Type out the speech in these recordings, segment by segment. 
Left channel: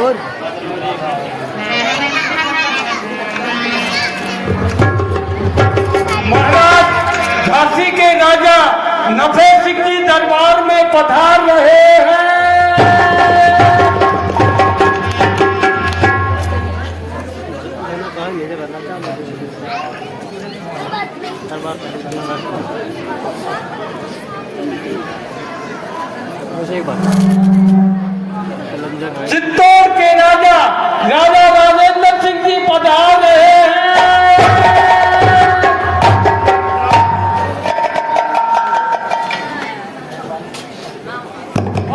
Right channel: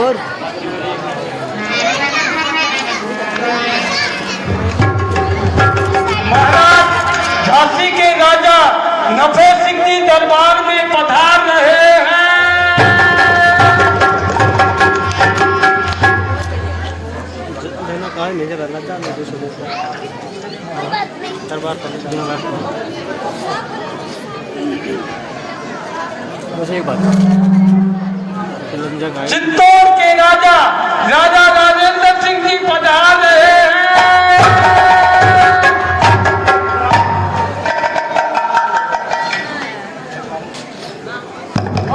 और झांसी के राजा नफे सिंह जी दरबार में पधार रहे हैं। चित्तौड़ के राजा राजा राजेंद्र सिंह जी पधार रहे हैं।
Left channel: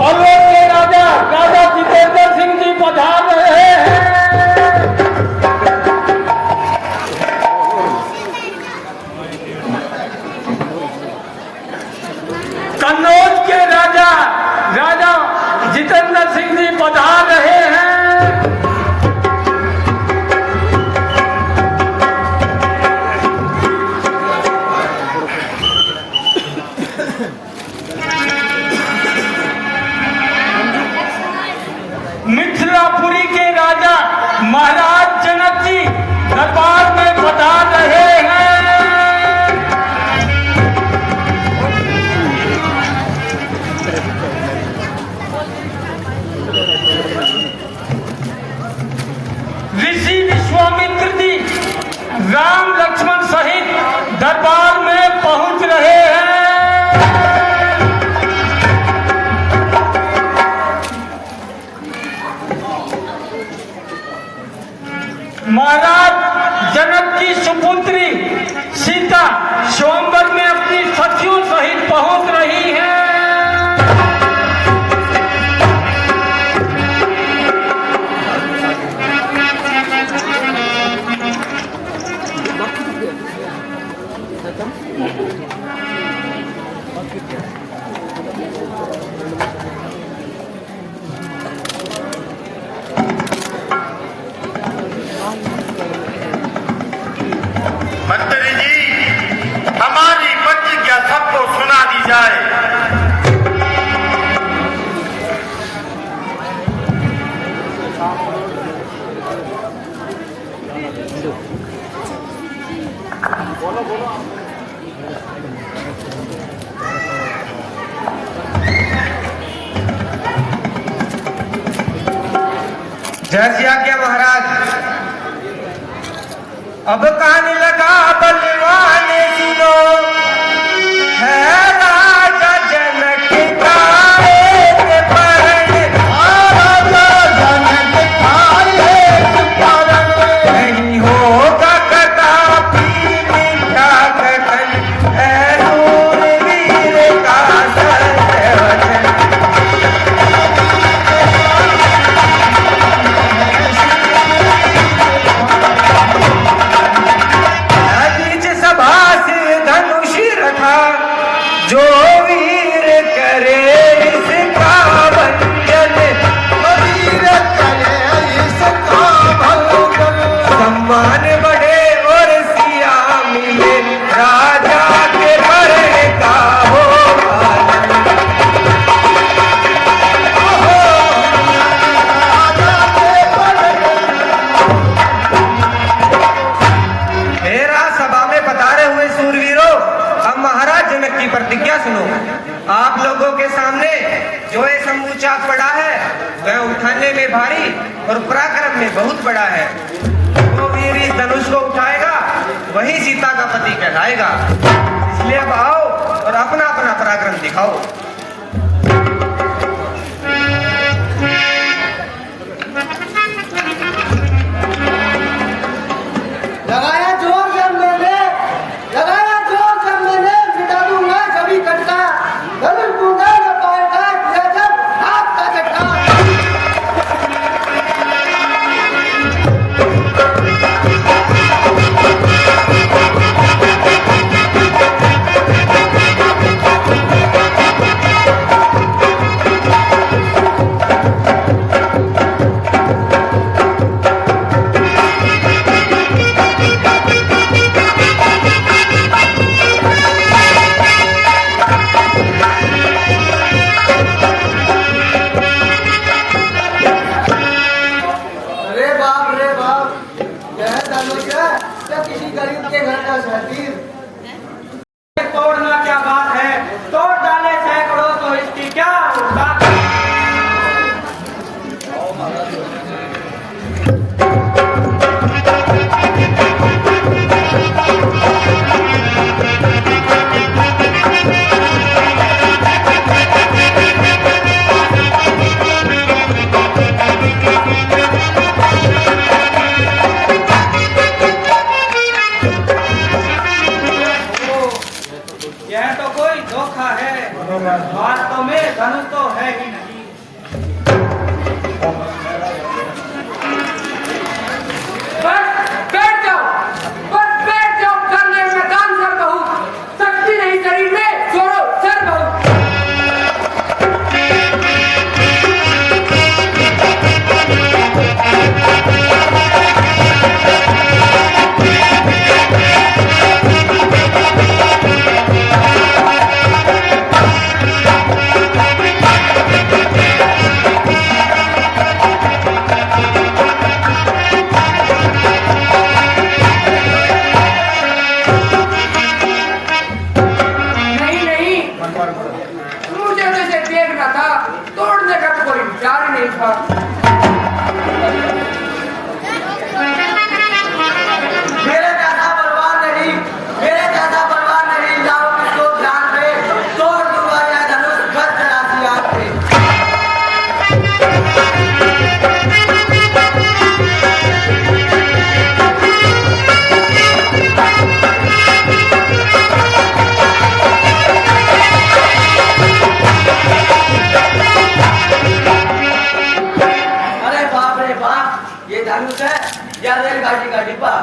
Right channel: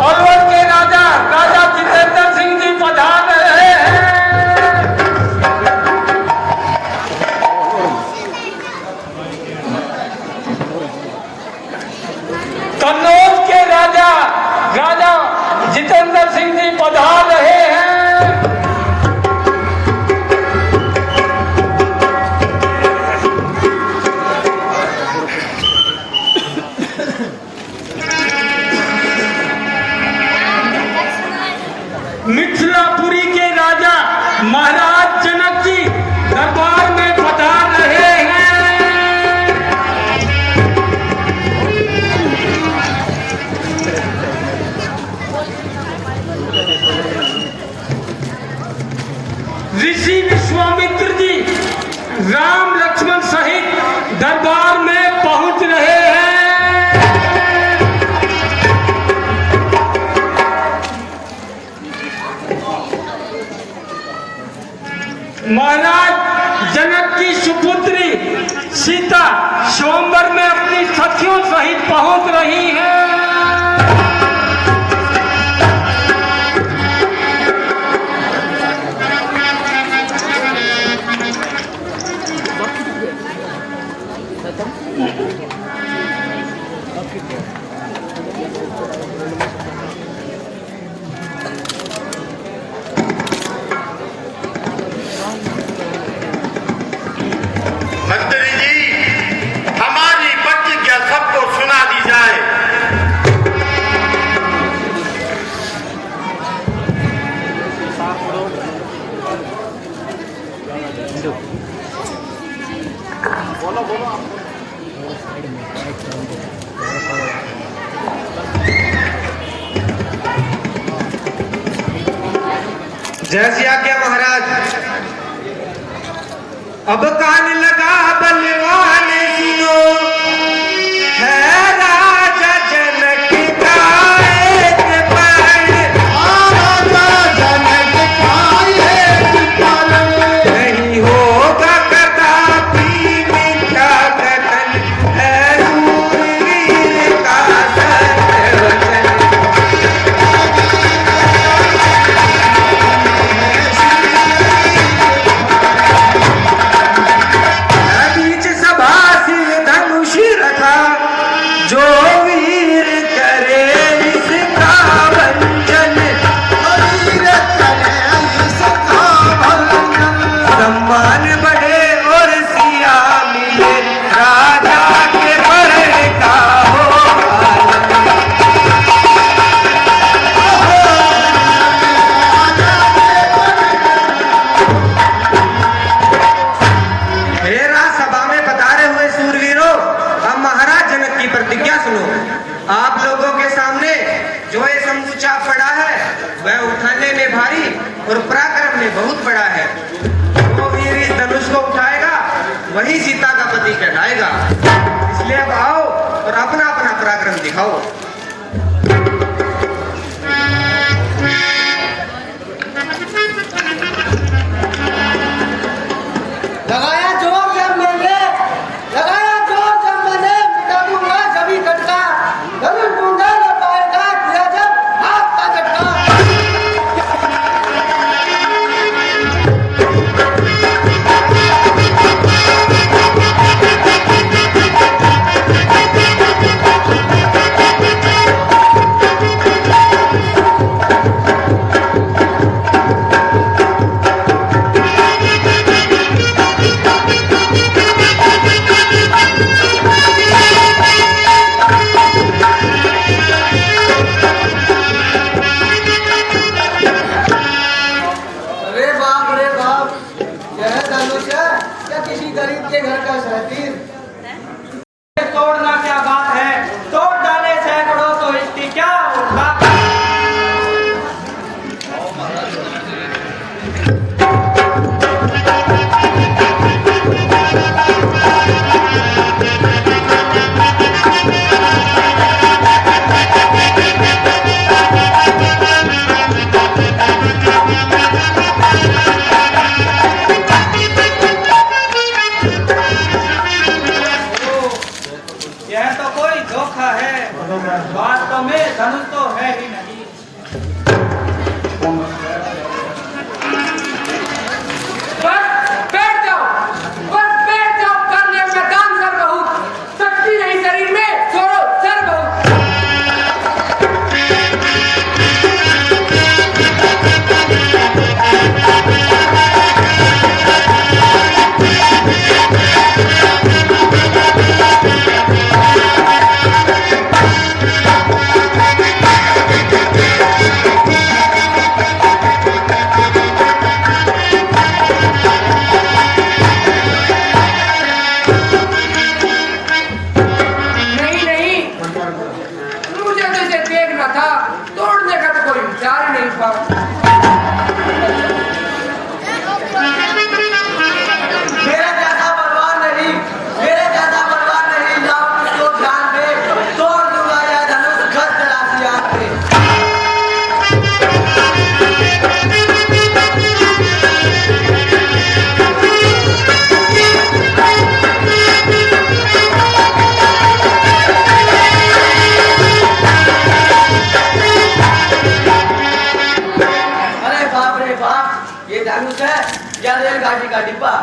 अलवर के राजा राजा जितेंद्र सिंह जी पधार रहे हैं। कन्नौज के राजा राजा जितेंद्र सिंह जी पधार रहे हैं। मिथिलापुरी के राजा महाराज जनक जी दरबार में पधार रहे हैं। ऋषि विश्वामित्र जी राम लक्ष्मण सहित दरबार में पहुंच रहे हैं। महाराज जनक की सुपुत्री सीता स्वयंवर में अपनी सखियों सहित पहुंच रही है। मंत्री जी, हमारी प्रतिज्ञा सबको सुना दी जाए। जैसे आज्ञा महाराज। अब कान लगा बलवाने सुनो, है राजा जनक का एक परण, राजा जनक का एक परण, नहीं होगा कदापि विख्यात बन, है शूरवीर का सर्वजन। बीच सभा से धनुष रखा, जो वीर करे इसका भंजन, वीर करे इसका भंजन। सम्मान बढ़े और सिया मिले, राजा के वरण का हो पालन। मेरा सभा में पधारे हुए सूरवीरों, अब महाराज जनक की प्रतिज्ञा सुनो। आप लोगों के सामने जो ये समूचा पड़ा है वह उठाने में भारी और पराक्रम में बहुत बड़ा है। जो वीर इस धनुष को उठाएगा वही सीता का पति कहलाएगा। इसलिए अब आओ और अपना अपना पराक्रम दिखाओ। लगाया जोर जब मैंने मिटा दूंगा सभी कटका, धनुष टूटा न पाएगा, किया जब हाथ का झटका। देखा। मेरे जैसा बलवान नहीं, मेरे जैसा बलवान नहीं, लाओ इसको ध्यान पे, तोड़ दूंगा यह धनुष घर चलाती आग पे। अरे बाप रे बाप, ये धनुष है या रेलगाड़ी का डिब्बा?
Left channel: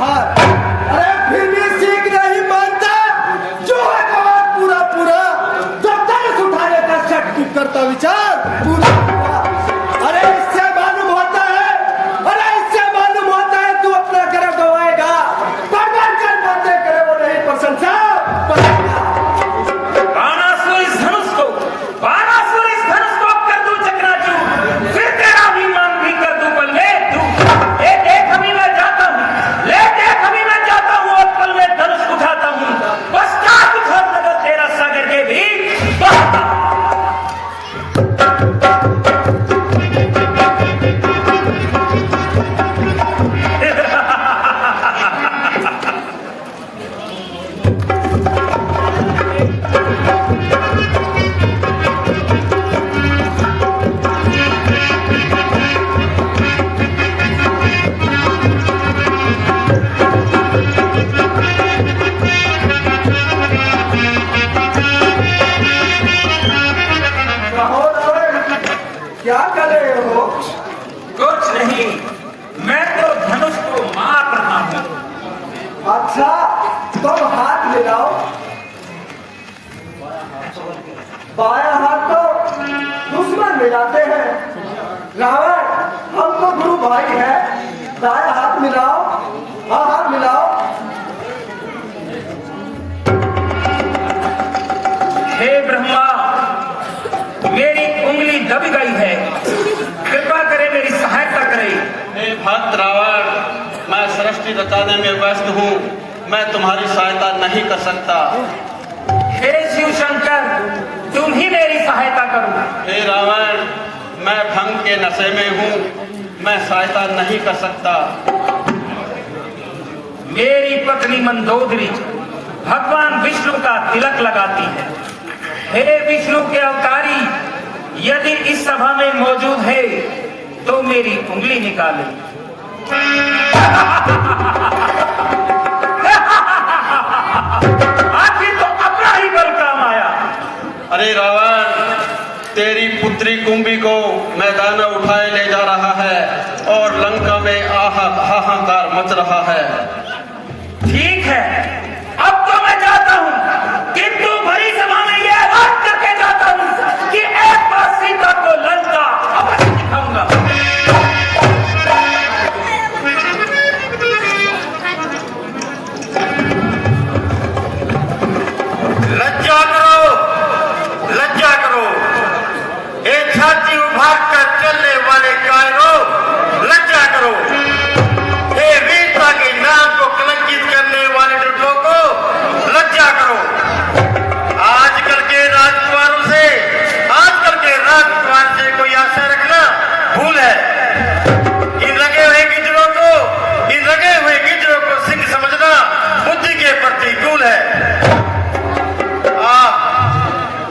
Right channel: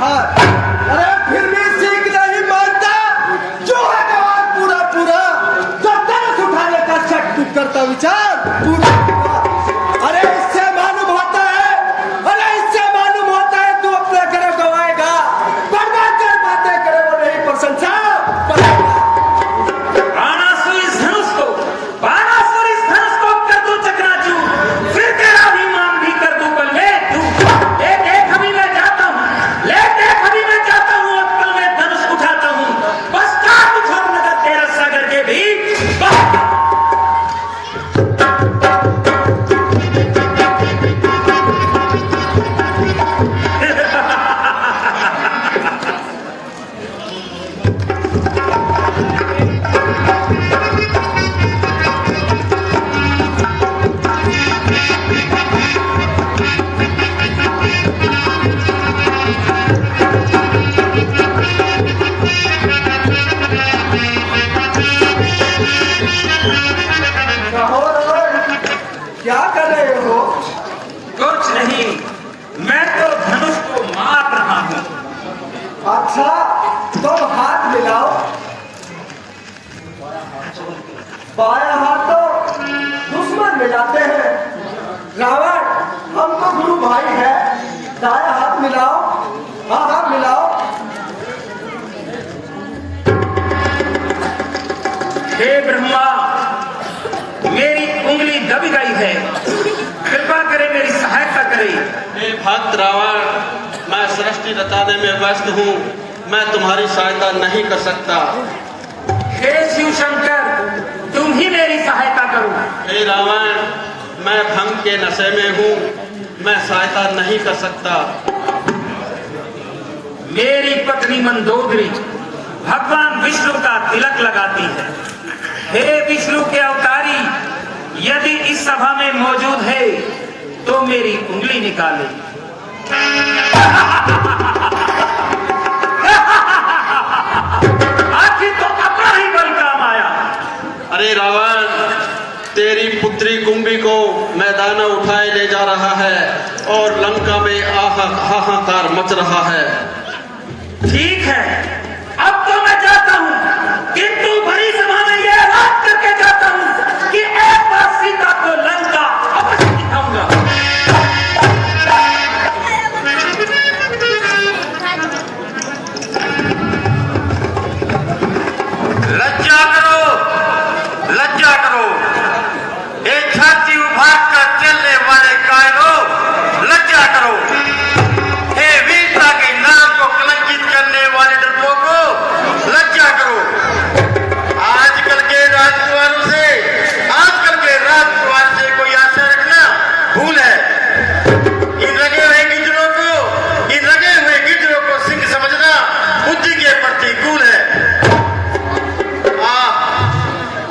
हार। अरे फिर भी सीख नहीं मानता, जो है जवान पूरा पूरा, जो धनुष उठाने का शक तू करता विचार पूरा पूरा। अरे इससे मालूम होता है, अरे इससे मालूम होता है तू अपना गर्व गवाएगा, परमांचल बातें करे वो नहीं प्रशंसा पाएगा। बाणासुर इस धनुष को कर दूं चकनाचूर, फिर तेरा अभिमान भी कर दूं पल में चूर। ले देख अभी मैं जाता हूँ, और पल में धनुष उठाता हूँ, पश्चात उधर नजर तेरा सागर के भी क्या कर रहे हो? कुछ नहीं, मैं तो धनुष को मार रहा हूँ। अच्छा, तो हाथ मिलाओ। बाया हाथ तो दुश्मन मिलाते हैं, रावण हम तो गुरु भाई है। दाया हाथ मिलाओ, हाँ हाथ मिलाओ। हे ब्रह्मा, मेरी उंगली दब गई है, कृपा करें मेरी सहायता करें। हे भक्त रावण, मैं सृष्टि रचाने में व्यस्त हूँ, मैं तुम्हारी सहायता नहीं कर सकता। हे शिव शंकर, तुम ही मेरी सहायता करो। हे रावण, मैं भंग के नशे में हूँ, मैं सहायता नहीं कर सकता। मेरी पत्नी मंदोदरी भगवान विष्णु का तिलक लगाती है। हे विष्णु के अवतारी, यदि इस सभा में मौजूद है तो मेरी उंगली निकाले। आखिर तो अपना ही बल काम आया। अरे रावण, तेरी पुत्री कुंभी को मैदान में उठाए ले जा रहा है और लंका में हाहाकार मच रहा है। ठीक है, अब तो मैं जाता हूँ, किंतु बड़ी सभा में यह ऐलान करके जाता हूँ कि एक बार सीता को लंका अवश्य दिखाऊंगा। लज्जा करो, लज्जा करो। एक छाती उभार कर चलने वाले कायरों, लज्जा करो। हे वीरता के नाम को कलंकित करने वाले लड़कों को लज्जा करो। आजकल के राजकुमारों से, आजकल के राजकुमार से कोई आशा रखना भूल है। इन लगे हुए गिजरों को सिंह समझना बुद्धि के प्रतिकूल है।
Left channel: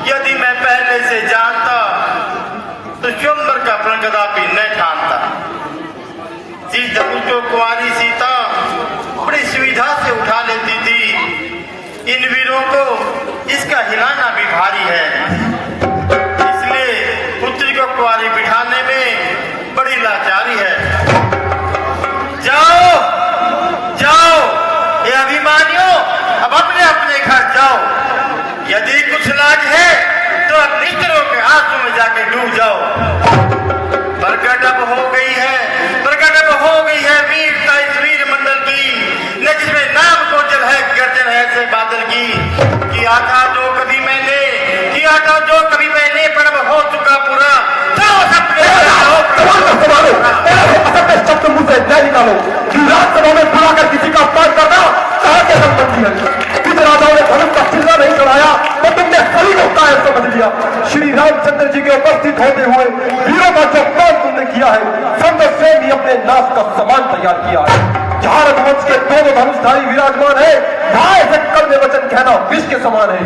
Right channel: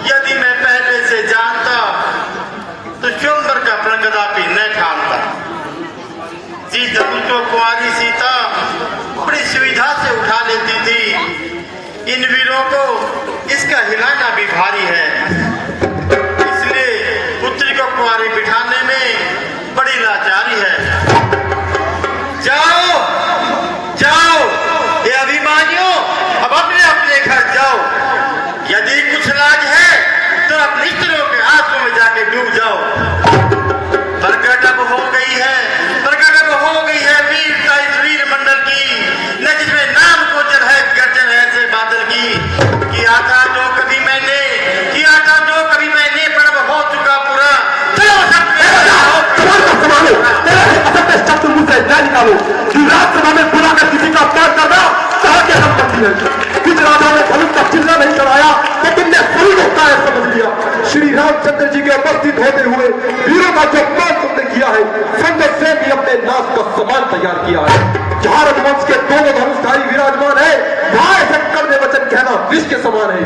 यदि मैं पहले से जानता तो स्वयंवर का प्रण कदापि न ठानता। जिस धनुष को कुंवारी सीता बड़ी सुविधा से उठा लेती थी, इन वीरों को इसका हिलाना भी भारी है। इसलिए पुत्री को कुंवारी बिठाने में बड़ी लाचारी है। जाओ जाओ, ये अभिमानियों, अब अपने अपने घर जाओ। यदि कुछ लाज है तो अपनी स्त्रियों के आंसू में जाके डूब जाओ। प्रकट हो गई है वीरता इस वीर मंडल की, न जिसमें नाम को जल है गर्जन ऐसे बादल की। किया था जो कभी मैंने पर्व हो चुका पूरा। निकालो कि राज्यसभा में बुलाकर किसी का अपमान करना कहा के संबंधी है। किस राजाओं ने धनुष का चिन्ह नहीं चढ़ाया तो तुमने सही होता है समझ लिया। श्री रामचंद्र जी के उपस्थित होते हुए वीरों का जो अपमान तुमने किया है, संजय सेन भी अपने नाश का सामान तैयार किया है। जहां रघुवंश के दोनों धनुषधारी विराजमान है, वहां ऐसे कड़वे वचन कहना विष के समान है।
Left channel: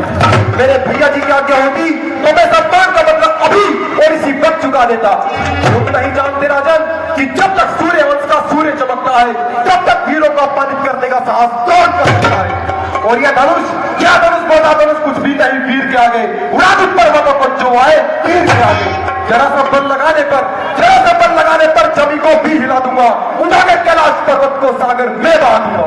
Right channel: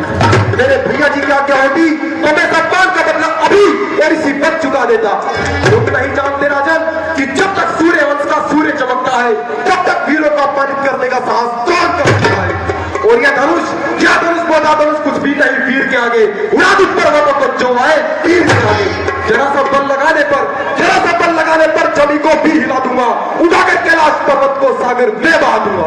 मेरे भैया जी की आज्ञा होती तो मैं सम्मान का बदला अभी और इसी वक्त चुका देता। लोग नहीं जानते राजन कि जब तक सूर्य वंश का सूर्य चमकता है, तब तक वीरों को अपमानित करने का साहस कौन करता है। और यह धनुष, क्या धनुष माता धनुष कुछ भी नहीं वीर के आगे। उड़ा दूं पर्वतों पर जो आए तीर के आगे। जरा सा बल लगाने पर जमी को भी हिला दूंगा। उठा के कैलाश पर्वत को सागर में बहा दूंगा।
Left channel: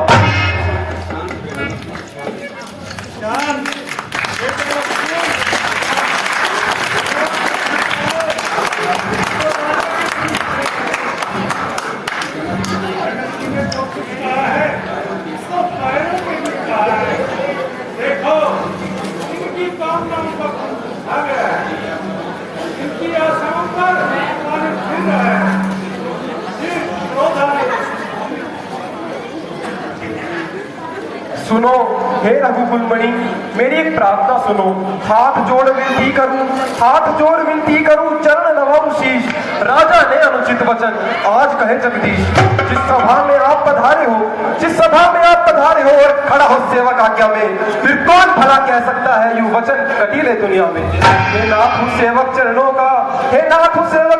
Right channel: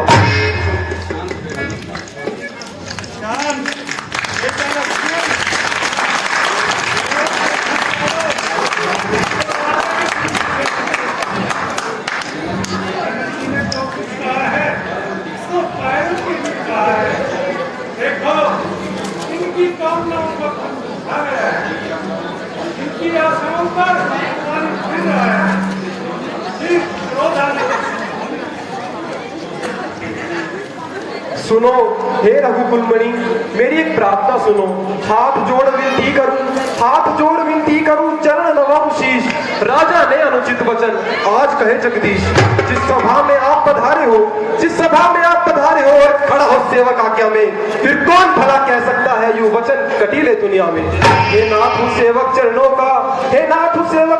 आ गया है। इनकी आसाम पर पानी फिर रहा है। सिर्फ क्रोध आने सुनो हे रघुकुलमणि, मेरी एक प्रार्थना सुनो। हाथ जोड़ विनती करूं चरण नवाब शीश। राजा ने अनुचित वचन आज कहे जगदीश। जिस सभा में आप पधारे हो और खड़ा हो सेवक आज्ञा में, फिर कौन भला कह सकता है यूं वचन कटीले दुनिया में। हे नाथ उस सेवक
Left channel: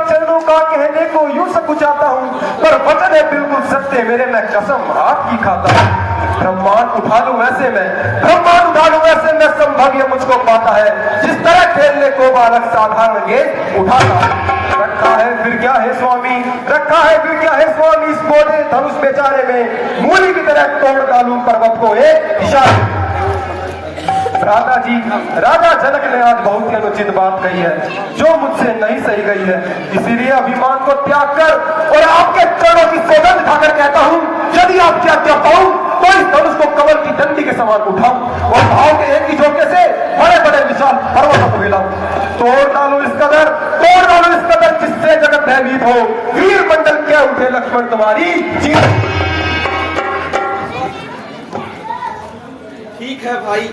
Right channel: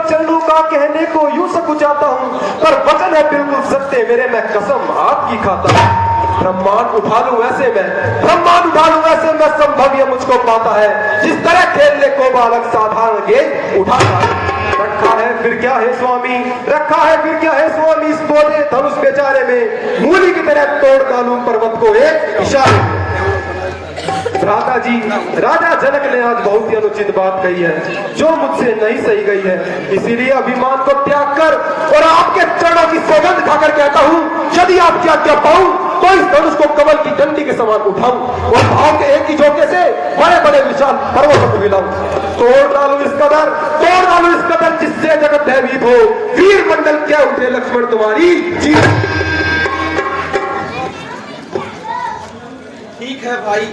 चरणों का कहने को यूं सकुचाता हूं, पर वचन है बिल्कुल सत्य मेरे, मैं कसम आपकी खाता हूं। ब्रह्मांड उठा लूं ऐसे में संभव ये मुझको पाता है। जिस तरह खेलने को बालक साधारण गेंद उठाता रखा है फिर क्या है स्वामी इस बोझे धनुष बेचारे में। मूली की तरह तोड़ डालूं पर्वत को एक इशारे। राजा जनक ने आज बहुत ही अनुचित बात कही है, जो मुझसे नहीं सही गई है। इसीलिए अभिमान को त्याग कर और आपके चरणों की सौगंध खाकर कहता हूं, यदि आप क्या पाऊं तो इस धनुष को कमल की डंडी के समान उठाऊं और भाव के एक ही झोंके से बड़े विशाल पर्वतों को हिलाऊं। तोड़ डालूं इस कदर जिससे जगत भयभीत हो। वीर मंडल क्या उठे लक्ष्मण तुम्हारी जीत। ठीक है भाई,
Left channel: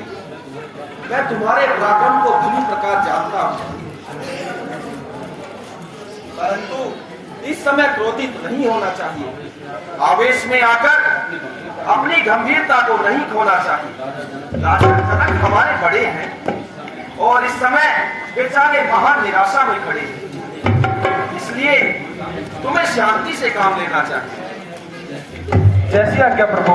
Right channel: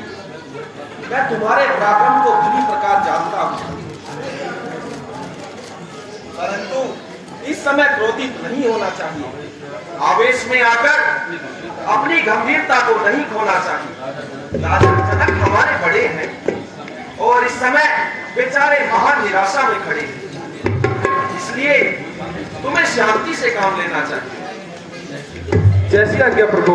मैं तुम्हारे पराक्रम को पूरी प्रकार जानता हूं, परंतु इस समय क्रोधित नहीं होना चाहिए। आवेश में आकर अपनी गंभीरता को नहीं खोना चाहिए। राजा जनक हमारे बड़े हैं और इस समय बेचारे महान निराशा में खड़े हैं, इसलिए तुम्हें शांति से काम लेना चाहिए। जैसी आज्ञा प्रभु।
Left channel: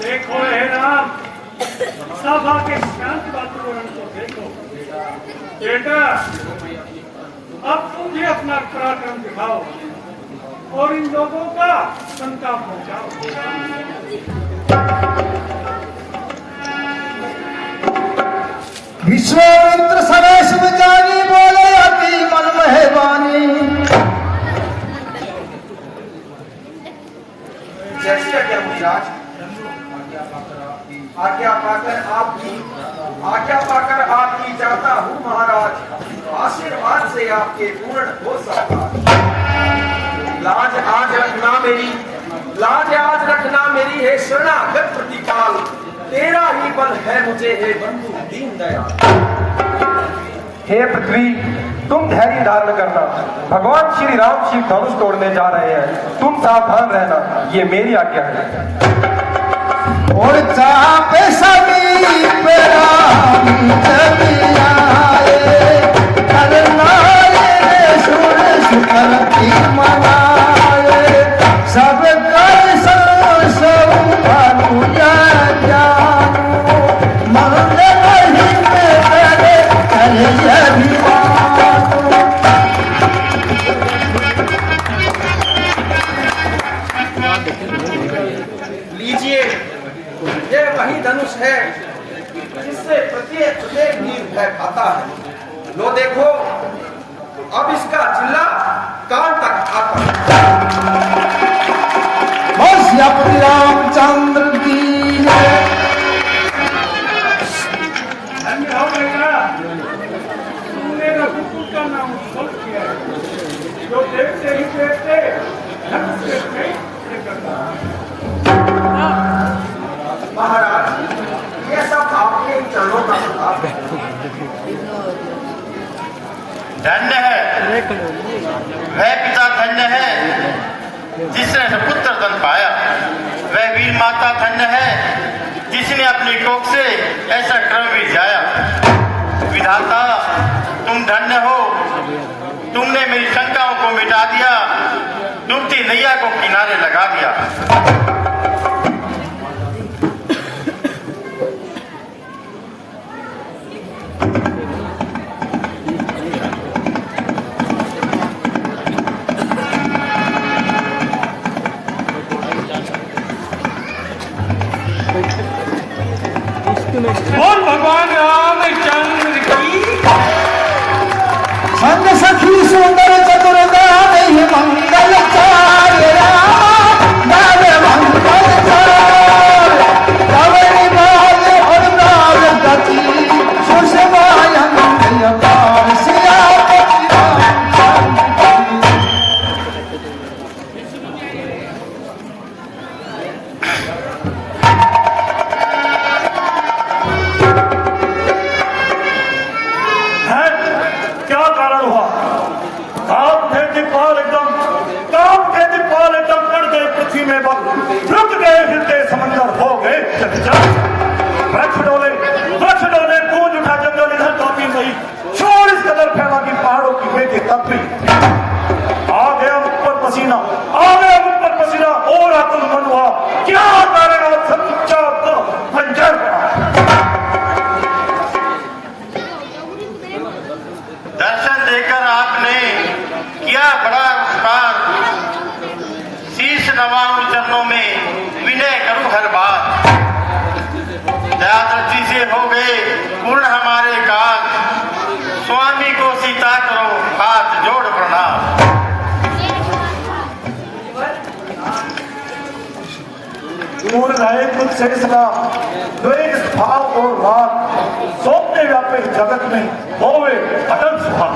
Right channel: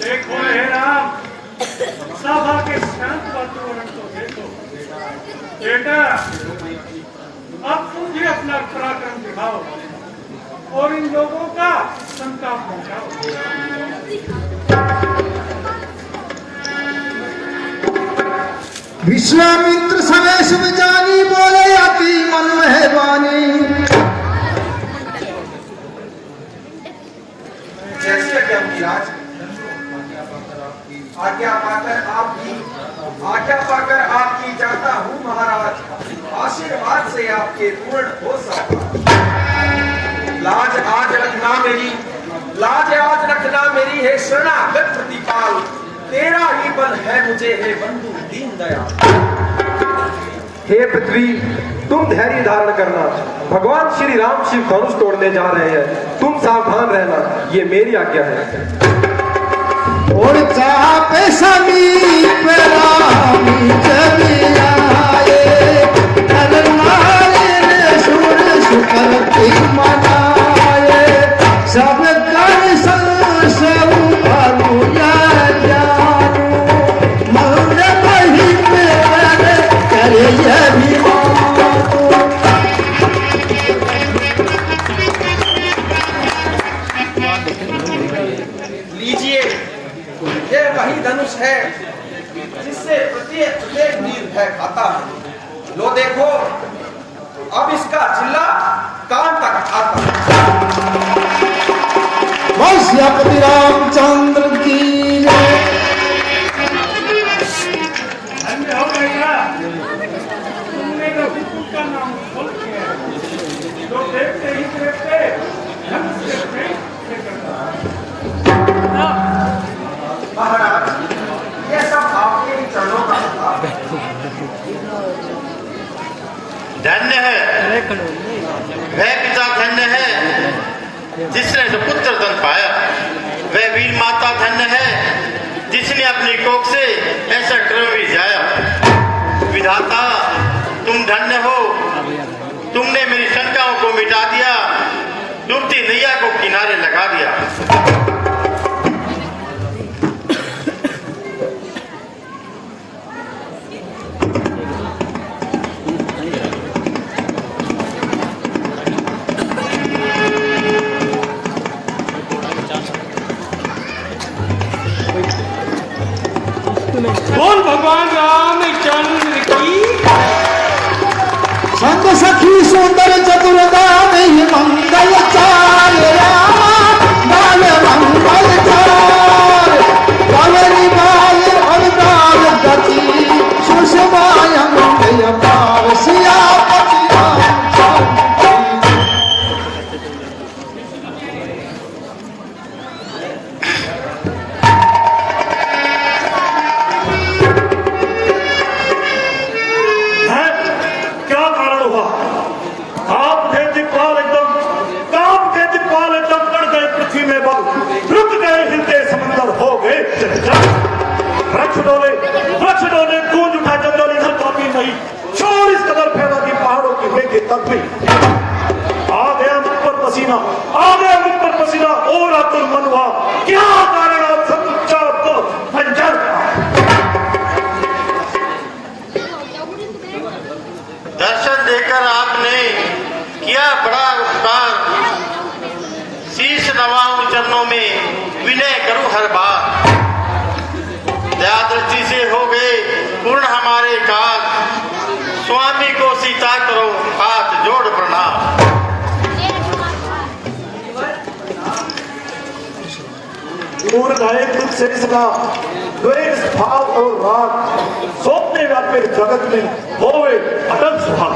देखो हे राम, सभा के शांत वातावरण को देखो। बेटा, अब तुम भी अपना पराक्रम दिखाओ और इन लोगों का संताप पहुंचाओ। विश्वामित्र सवेश में जागी बोले अति मन मेहरबानी। जैसे आज्ञा पाकर आपकी जाता हूँ महाराज। आशीर्वाद से आपके पूर्ण हो सकता। लाज आज रखना मेरी है शरणागत प्रतिपाल। तेरा ही बल है मुझे हे बंधु दीन दयाल। हे पृथ्वी, तुम धैर्य धारण करना। भगवान श्री राम शिव धनुष तोड़ने जा रहे हैं, तुम सावधान रहना, ये मेरी आज्ञा है। लीजिए, ये वही धनुष है जिससे प्रत्येक वीर भय खाता है। लो देखो, अब इसका चिल्ला कान तक आता है। रामचंद्र की धन्य हो भैया, तुमने रघुकुल का नाम फल किया है, जो देखते ही देखते धन से महाराज, ये सब आपके चरणों का सलाम है। धन्य है वह पिता, धन्य है जिसने पुत्र धन पाया। वह वीर माता धन्य है जिसने अपनी कोख से ऐसा क्रम भी जाया। विधाता, तुम धन्य हो, तुमने मेरी शंकाओं को मिटा दिया, डूबती नैया को किनारे लगा दिया। बोल भगवान रामचंद्र की। संग सखी सुंदर चतुरता नहीं मंगल चाल, मंगल चाल। आ गया मुझ पर पसीना, आ गया मुझ पर पसीना और आतुर मन हुआ, क्या कारण सच्चा को पंचर दर्शन देकर आपने किया बड़ा उपकार, शीश नवाऊं चरणों में विनय करूं हर बार। दया दृष्टि से हो गए पूर्ण हमारे काल, स्वामी को सीता करो हाथ जोड़ प्रणाम। पूर्ण रहे दुख से सलाम, द्वेष भाव और भाग, सौंपने व्यापे जगत में होवे अटल सुभाग।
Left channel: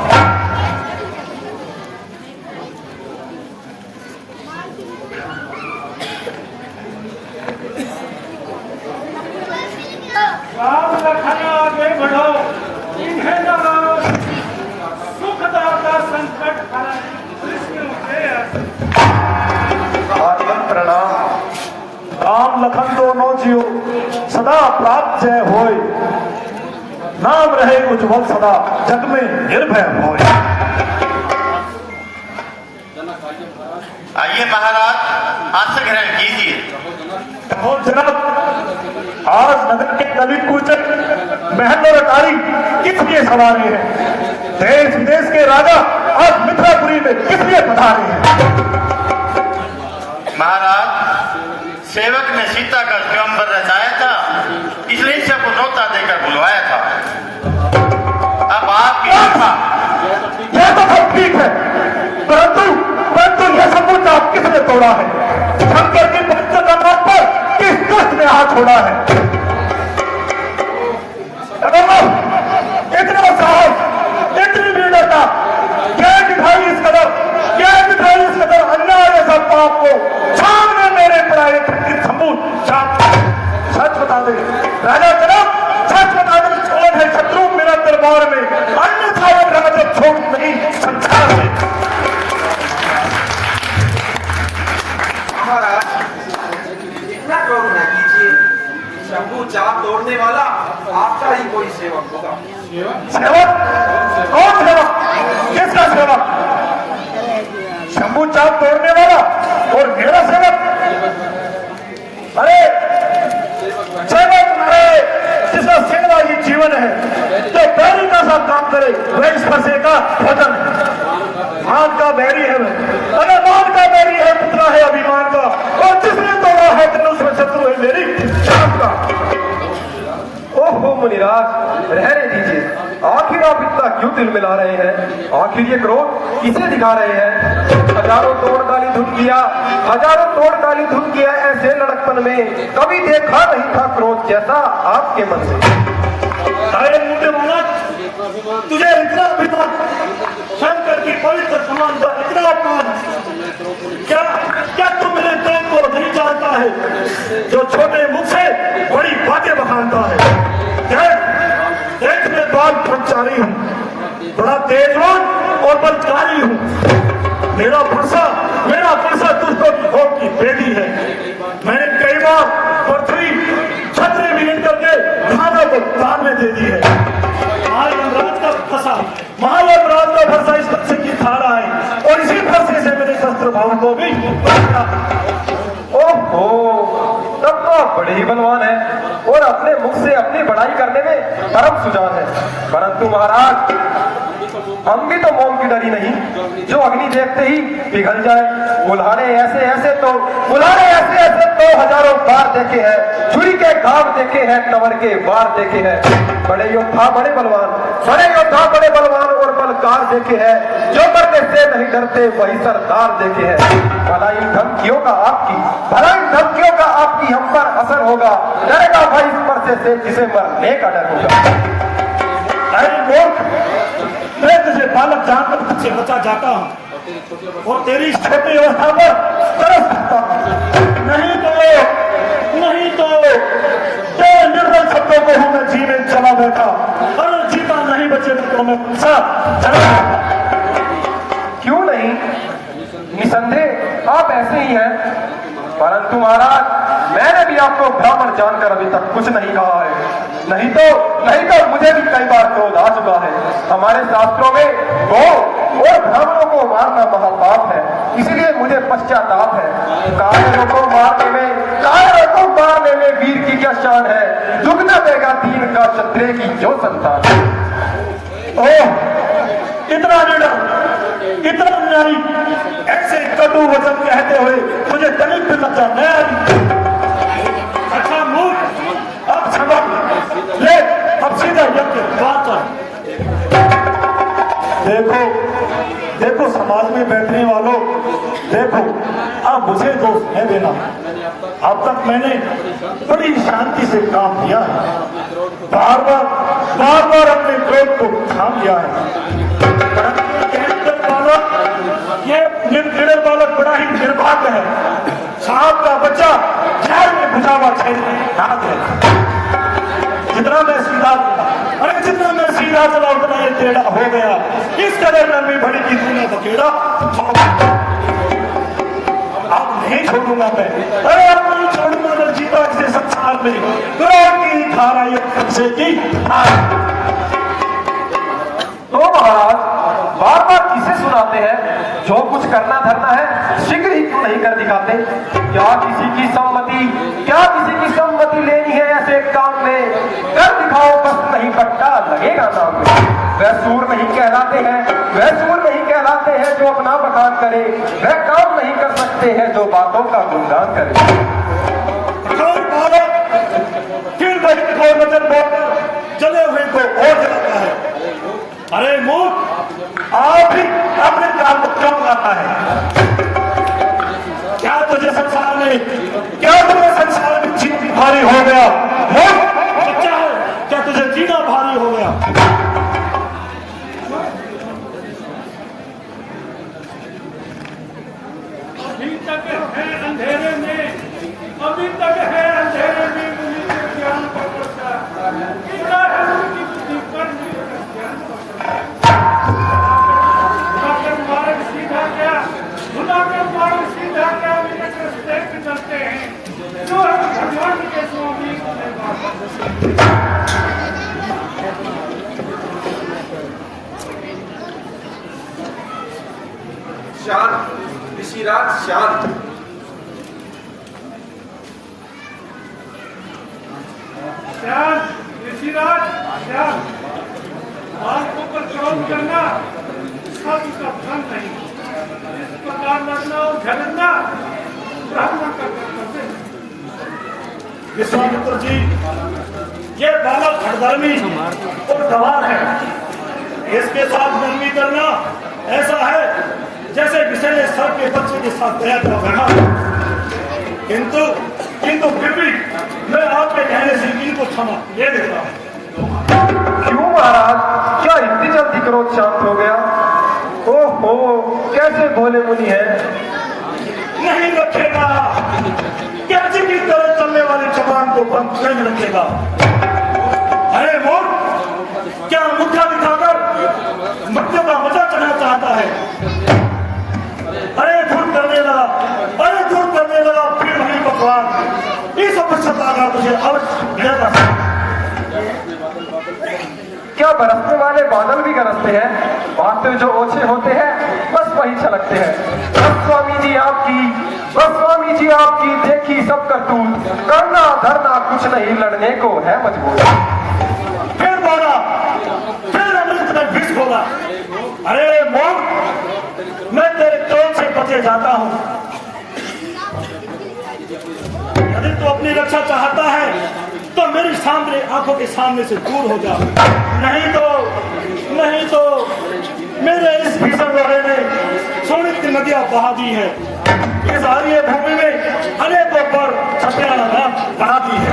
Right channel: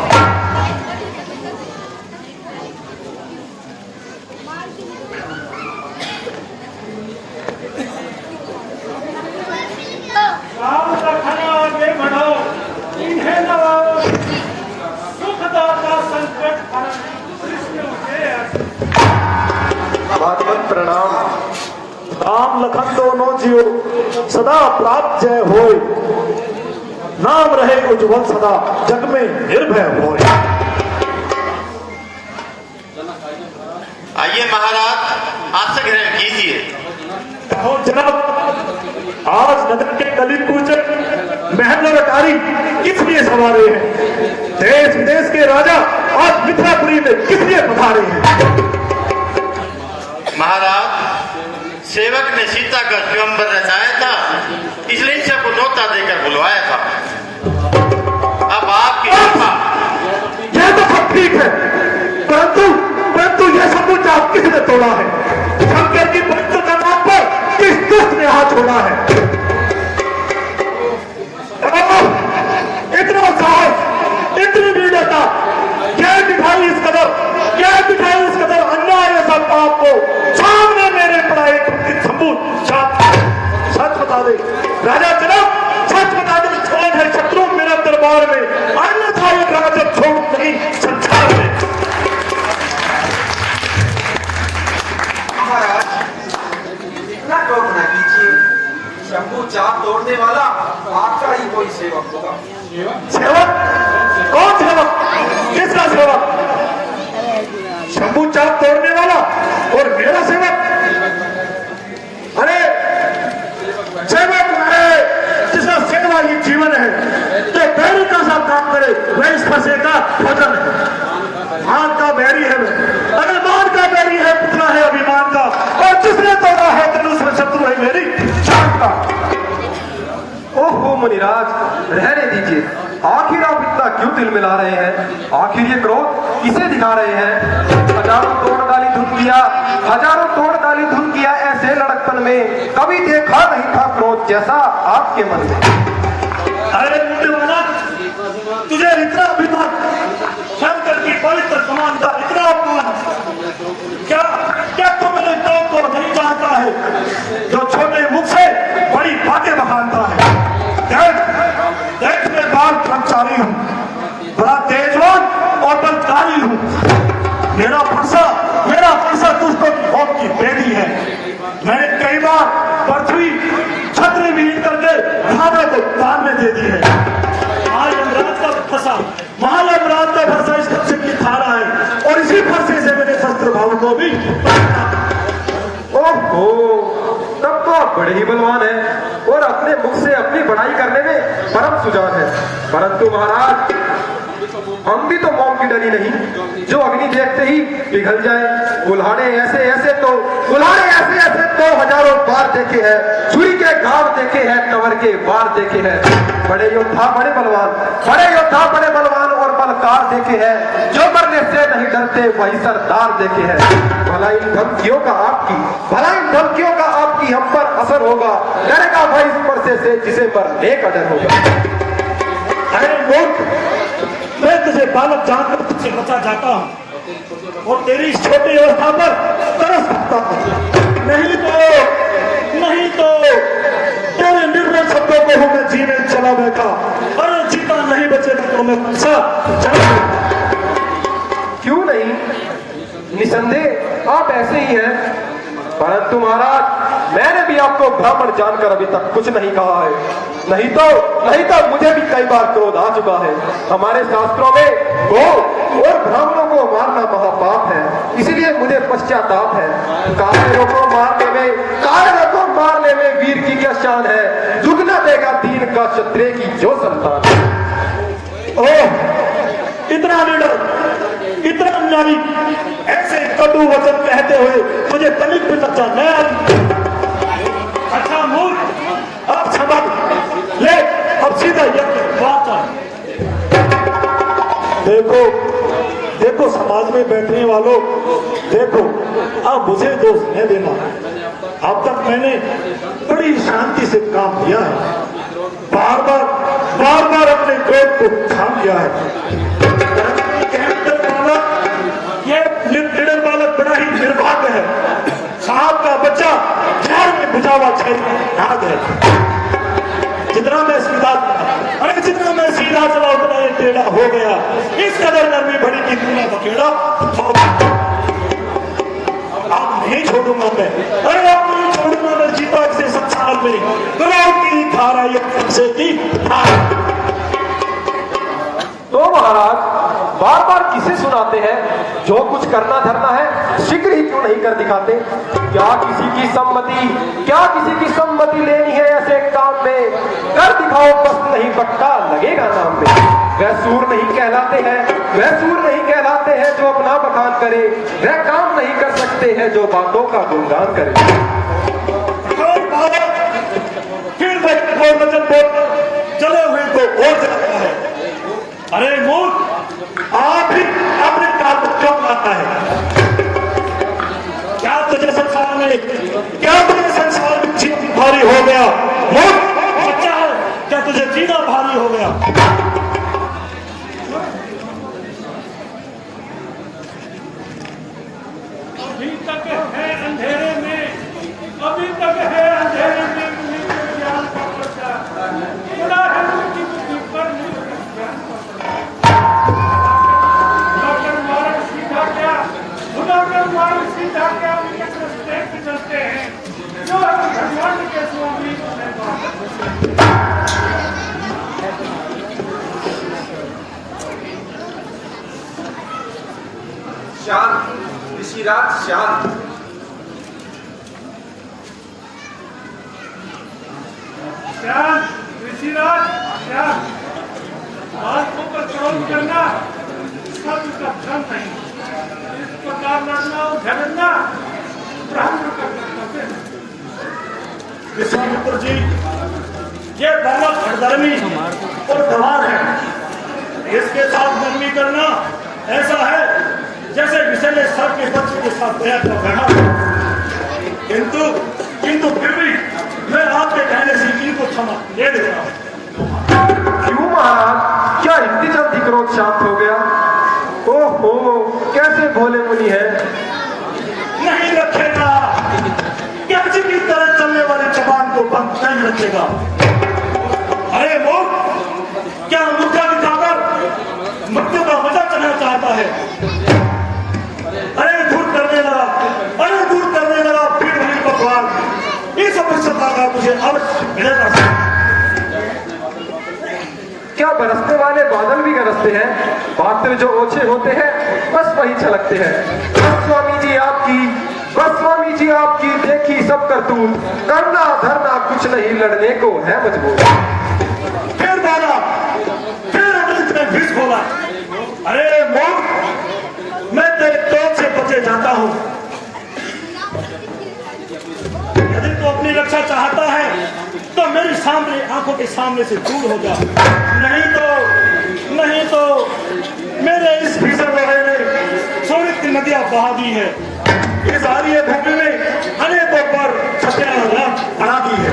राम लखन आगे बढ़ो, इन्हें लगाओ, सुखदाता संकट हरण, कृष्ण के आत्मन प्रणाम। राम लखन दोनों जियो, सदा प्राप्त जय होय, नाम रहे उज्ज्वल सदा, जग में निर्भय होय। आइए महाराज, आसन ग्रहण कीजिए। और जनाब, आज नगर के कवि पूजक महल और अटारी किस लिए संभाले हैं? देश विदेश के राजा आज मिथिलापुरी में किस लिए पधारे हैं? महाराज, सेवक ने सीता का स्वयंवर रचाया था, इसलिए सबको न्योता देकर बुलवाया था। अब आपकी कृपा। यह तो सब ठीक है, परंतु यह सब कुछ आप किसने तोड़ा है? शंकर की पवित्र कमान पर किस दुष्ट ने हाथ छोड़ा है? इतना साहस, इतनी वीरता, क्या दिखाई इस कदर अन्याय सब आपको सामने मेरे पड़ाए संपूर्ण सच बता दे राजा जनक, सच बता दे, छोड़ है शत्रु मेरा दरबार में, अन्यथा एक राजा छोड़ नहीं संसार में। महाराज, इतना क्रोध न कीजिए, शंभू चाप तोड़ने वाला आपका ही कोई सेवक होगा। सेवक? कौन सेवक? किसका सेवक? शंभू चाप तोड़ने वाला और मेरा सेवक? अरे सेवक, अरे जिसका सेवा ही जीवन है, तो बैरी का सब काम करे, वह इस फंसे का भजन है। मान का बैरी है, अरे मान का बैरी है, पुतला है अभिमान का, और जिसने तोड़ा है तेरे उसमें शत्रु है मेरी जान का। ओहो मुनिराज, रहने दीजिए, आखिर आप इतना क्यों दिल मिला रहे हैं? आखिर ये क्रोध किसे दिखा रहे हैं? हजारों तोड़ डाली धुन किया ऐसे लड़कपन में, कभी देखा नहीं था क्रोध जैसा आपके मन में। अरे मुंडे वाला, तुझे इतना अभिमान, शंकर की पवित्र कमान का इतना अपमान, क्या तू मेरे प्रेम को नहीं जानता है, जो छोटे मुख से बड़ी बातें बखानता है? देख मैं बाल पंचारी हूँ, बड़ा तेजवान और बलकारी हूँ। मेरा फरसा तुझको भोग की बेटी है। मैंने कई बार पृथ्वी छतरी भी करके भावे को दान में दे दी है। महायमराज का फरसा इस बच्चे की खा रहा है, और इसी फरसे से मेरे शस्त्र भाव को भी। ओहो, तब तो आप बड़े ही बलवान हैं और अपने मुख से अपनी बड़ाई करने में परम सुजान है। परंतु महाराज, हम भी तो मौन की डरी नहीं, जो अग्नि देखते ही पिघल जाए। बुल्हाने ऐसे तो हजारों बार देखे हैं, छुरी के घाव देखे हैं, कमर के बार देखे हैं। बड़े योद्धा बड़े बलवान और बलकार देखे हैं, जो मरने से नहीं डरते वही सरदार देखे हैं। भला इन धमकियों का आपकी हम पर असर होगा, डरेगा भाई इस परसे से जिसे मरने का डर होगा। अरे मूर्ख, मैं तुझे बालक जानकर तुझसे बचा जाता हूँ और तेरी इस छोटी अवस्था पर तरस खाता हूँ। नहीं तो तेरे निर्बल शब्दों को हूँ मैं जीने चला बैठा, अरे जीता नहीं बचेगा तो मैं पंसा क्यों नहीं? निसंदेह आप ऐसे ही हैं, परंतु महाराज मैंने भी आपको ब्राह्मण जानकर अभी तक कुछ नहीं कहा है। नहीं तो मुझे भी कई बार क्रोध आ चुका है। हमारे शास्त्रों में गौ और ब्राह्मणों को मारना महापाप है, इसीलिए मुझे पश्चाताप है। कायरों को मारने में वीर की क्या शान है, दुगना देगा दीन का क्षत्रिय की जो संतान। इतना निडर, इतना न्यायी, ऐसे कटु वचन कहते हुए तुझे तनिक भी लज्जा नहीं आई? अच्छा मूर्ख, अब समझ ले, अब सीधा बात है। देखो समाज में बैठने वालों, देखो आप मुझे दोष नहीं देना। अब तक मैंने बड़ी शांति से काम किया है, बार बार अपने क्रोध को थाम किया है। ये निडर बालक बड़ा ही निर्भाग्य है। साहब का बच्चा जेल में भिजा हुआ जेल में हाथ है। जितना मैं सीधा चला उतना ही टेढ़ा हो गया। इस कदर में भी बड़ी की दूना बकेड़ा अब नहीं छोड़ूंगा मैं। अरे अब नहीं छोड़ूंगा मैं, जीता इसे संसार में करोड़ की धारा एक सबसे की धारा। तो महाराज बार बार किसे सुनाते हैं? जो कुछ करना धरना है शीघ्र ही क्यों नहीं कर दिखाते? क्या किसी की सम्मति लेनी है ऐसे काम में? कर दिखाओ, बस नहीं बट्टा लगेगा नाम में। वह सूर नहीं कहलाते हैं जो अपना बखान करे, वह काम नहीं कर सकते हैं जो बातों का गुणगान करे। फिर वचन बोलकर चले हुए को और जलाता है। अरे मूर्ख, आप ही अपने काम को क्यों आता है? क्या तुझे संसार में जीना भारी हो गया? बच्चा है, क्या तुझे जीना भारी हो गया? अभी तक है अंधेरे में मुनि के ज्ञान का प्रचार। बड़ा है मुनि की ऊपर ज्ञान का सीधा क्या निकट रस्ते चलते हैं, जो है भगवान के स्वामी। शांत ऋषिराज, शांत। ऋषिराज शांत। बालकों पर क्रोध करना सब का धर्म नहीं। इस प्रकार लड़ना और झगड़ना ब्राह्मण का कर्तव्य है। विश्वामित्र जी, ये बालक हरधर्मी और गवार है। इसके साथ बंदी करना ऐसा है जैसे विषैले सर्प के बच्चे के साथ दया को बढ़ा। किंतु फिर भी मैं आपके कहने से इनको क्षमा दे देता हूँ। क्यों महाराज, क्या इतनी जल्दी क्रोध शांत हो गया? ओहो, कैसे भोले मुनि है। नहीं रखेगा, कैसे की तरह चलने वाली जबान को बंद नहीं रखेगा। अरे मूर्ख, क्या अंगूठा दिखाकर मृत्यु का मजा चढ़ना चाहता है? अरे दूर करने लगा फिर वही भगवान। इस अवश्यता का तुझे अवश्य मिलेगा। क्या बरसने वाले बादल भी गरजते हैं? बातें जो ओछे होते हैं बस वही छलकते हैं। बस स्वामी जी आपकी देखी सब करतूत, करना धरना कुछ नहीं, लड़ने को है मजबूर। फिर बोला, फिर अमृत में विष बोला। अरे मूर्ख, मैं तेरे क्रोध से बचे जाता हूं। यदि तू अपनी रक्षा चाहता है तो मेरी सामने आंखों के सामने से दूर हो जा। नहीं तो मेरे इस भीषण लोहे ने सोने की नदियां बहा दी है। इस आर्य भूमि में अनेकों पर छपड़ा बढ़ा दी है।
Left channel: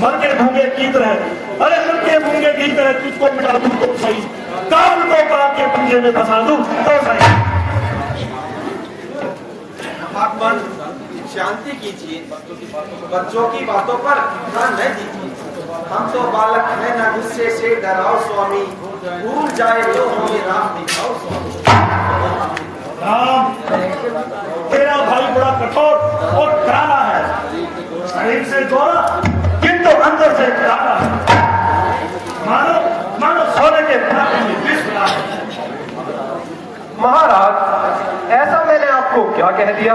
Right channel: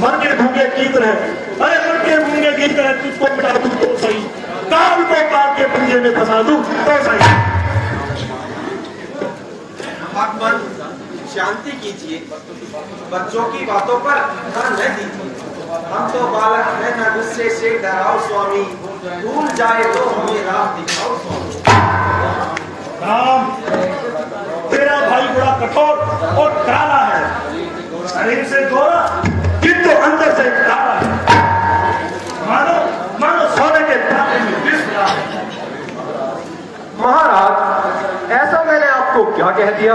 मर के भूखे गीत रहे, अरे मर के भूखे गीत रहे, तुझको मिटा दूं तो सही, काल को काल के पंजे में फंसा दूं तो सही। आत्मन शांति कीजिए, बच्चों की बातों पर ध्यान न दीजिए। हम तो बालक हैं, न गुस्से से डराओ स्वामी, भूल जाए तो हमें राह दिखाओ स्वामी। राम, तेरा भाई बड़ा कठोर और करारा है, शरीर से गोरा किंतु अंदर से काला है। मानो मानो सोने के पानी में विष मिला है। महाराज, ऐसा मैंने आपको क्या कह दिया?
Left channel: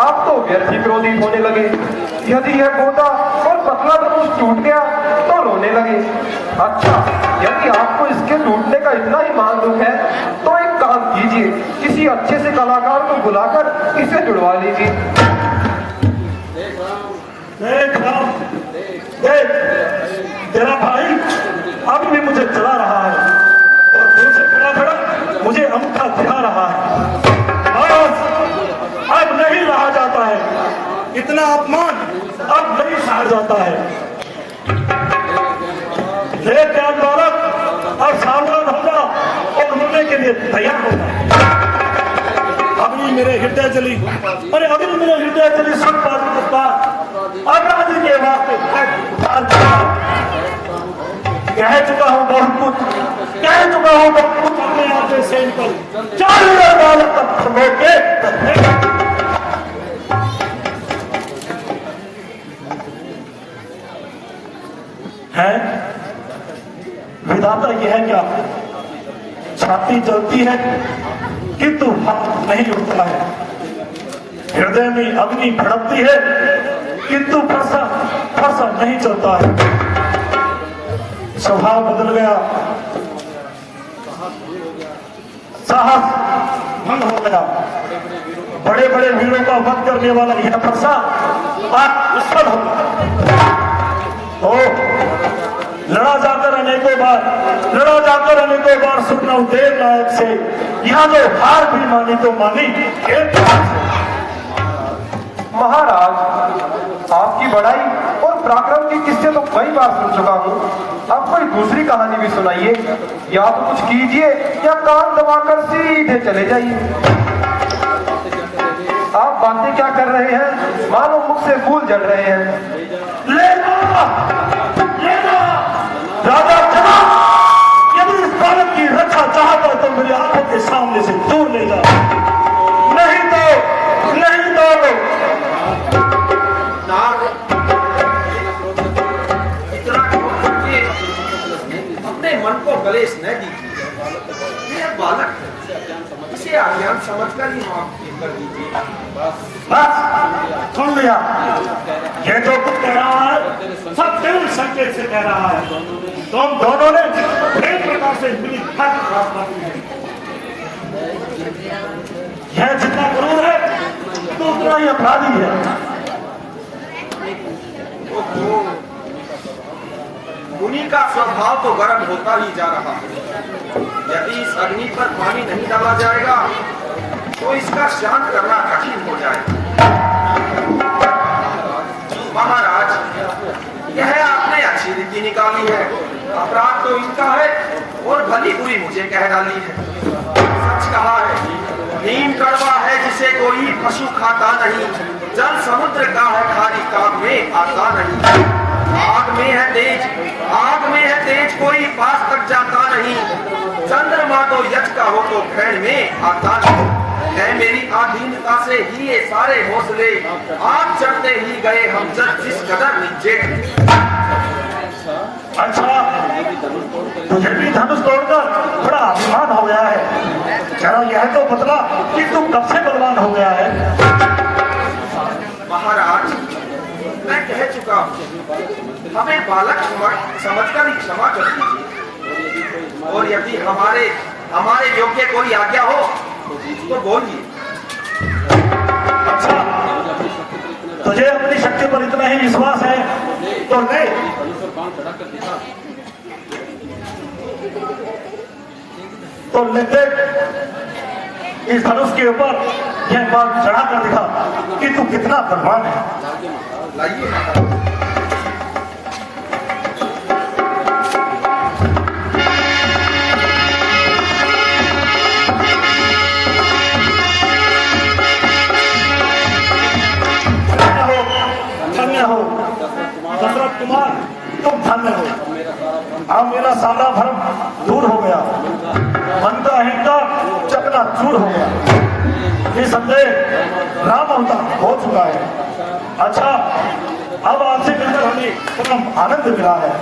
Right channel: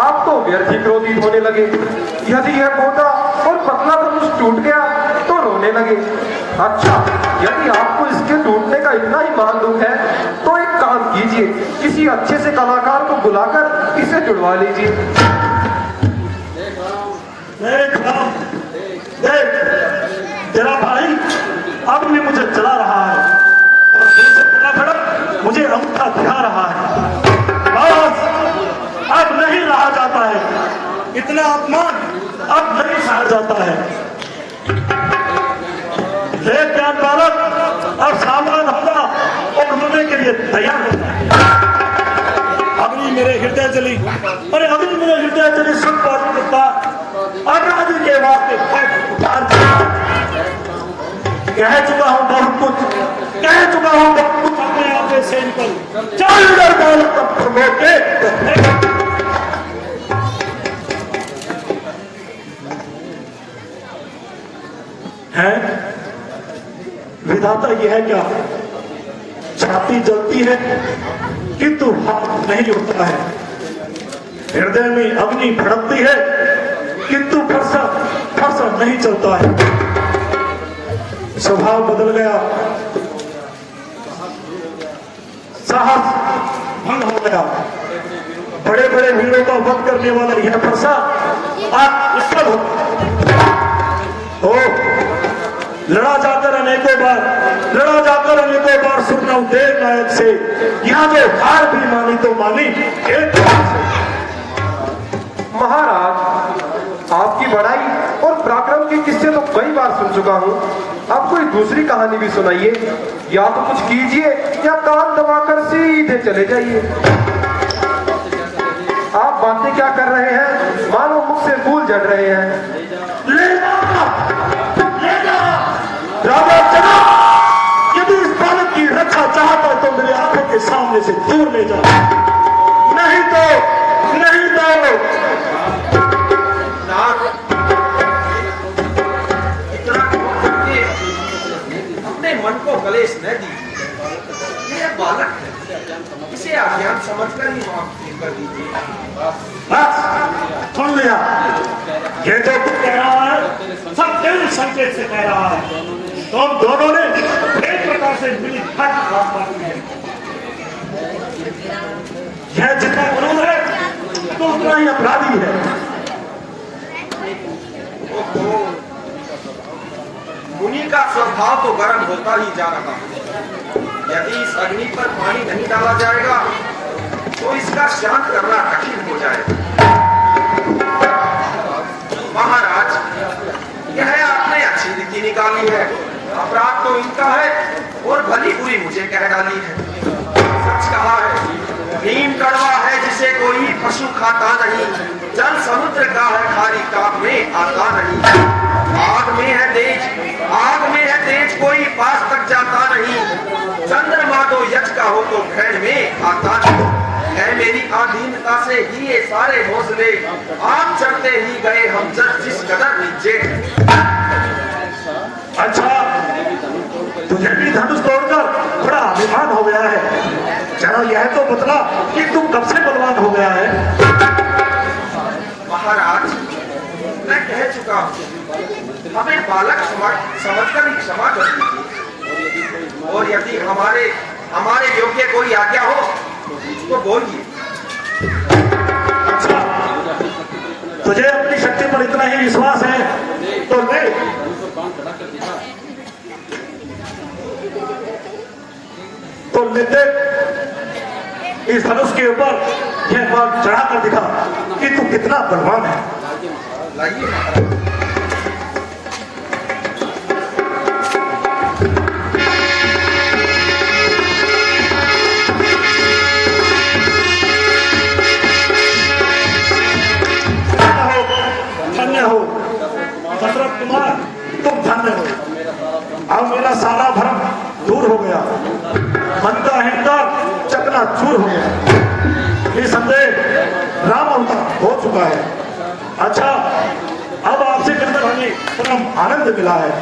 आप तो व्यर्थ ही क्रोधित होने लगे। यदि यह गोटा और पतला धनुष टूट गया तो रोने लगे। अच्छा, यदि आपको इसके टूटने का इतना ही मान दुख है तो एक काम कीजिए, किसी अच्छे से कलाकार को बुलाकर इसे जुड़वा लीजिए। देख, तेरा भाई अब भी मुझे चला रहा है और तुझसे खड़ा खड़ा मुझे अंगूठा दिखा रहा है। बस, अब नहीं रहा जाता है, इतना अपमान अब नहीं सहा जाता है। ले प्यार बालक, अब सावधान होगा और मरने के लिए तैयार होगा। अग्नि मेरे हृदय जली, अरे अग्नि मेरे हृदय जली, सुन पर अपराधी के वास्ते कह चुका हूं बहुत कुछ, कह चुका हूं बहुत कुछ अपने आप से सेन कर है। विधाता ये है क्या? छाती जलती है किंतु हाथ नहीं उठता है, हृदय में अग्नि भड़कती है किंतु फरसा नहीं चलता है। स्वभाव बदल गया, साहस भंग हो गया। बड़े बड़े वीरों का वध करने वाला यह फरसा आप उत्पन्न होगा। तो लड़ा जाकर अनेकों बार सुखनाम देर नायक से यहाँ जो हार भी मानी तो मानी। महाराज, आपकी बड़ाई और पराक्रम की किस्से तो कई बार सुन चुका हूँ, अब कोई दूसरी कहानी भी सुनाइए। या तो कुछ कीजिए या कान दबाकर सीधे चले जाइए। आप बातें क्या कर रहे हैं? मानो मुझसे भूल जड़ रहे हैं। राजा चला, यदि इस बालक की रक्षा चाहता है तो मेरे आंखों के सामने से दूर ले जाओ, नहीं अपने मन को कलेश न दीजिए। यह बालक है, इसे अज्ञान समझकर ही माफ कर दीजिए। सुन लिया, ये जो कुछ कह रहा है सब देवी संकेत से कह रहा है। तो हम दोनों ने एक प्रकार से मिली हट की है। यह जितना क्रूर है तो उतना ही अपराधी है। मुनि का स्वभाव तो गर्म होता ही जा रहा है। यदि इस अग्नि पर पानी नहीं डाला जाएगा तो इसका शांत करना कठिन हो जाएगा। महाराज, यह आपने अच्छी रीति निकाली है। अपराध तो इनका है और भली बुरी मुझे कह डाली है। सच कहा है, नीम कड़वा है जिसे कोई पशु खाता नहीं, जल समुद्र का है खाली काम में आता नहीं। आग में है तेज कोई पास तक जाता नहीं, चंद्रमा को यच का हो तो ग्रहण में आता नहीं। है मेरी आधीनता से ही ये सारे हौसले, आग चढ़ते ही गए हम जिस कदर नीचे। अच्छा, तुझे भी धनुष तोड़कर बड़ा अभिमान हो गया है। जरा यह तो बतला कि तुम कब से बलवान हो गया है? महाराज, मैं कह चुका हूँ, हमें बालक समझकर ही क्षमा कर दीजिए। और यदि हमारे योग्य कोई आज्ञा हो तो बोलिए। अच्छा, तुझे अपनी शक्ति पर इतना ही विश्वास है तो ले। तो लेते इस धनुष के ऊपर यह बात चढ़ा कर दिखा कि तू कितना बलवान है। लाइए महाराज। धन्य हो दशरथ कुमार, तुम धन्य हो। अब मेरा सारा भ्रम दूर हो गया, मन का अहंकार चकनाचूर हो गया। निसंदेह राम अवतार परम आनंद मिला है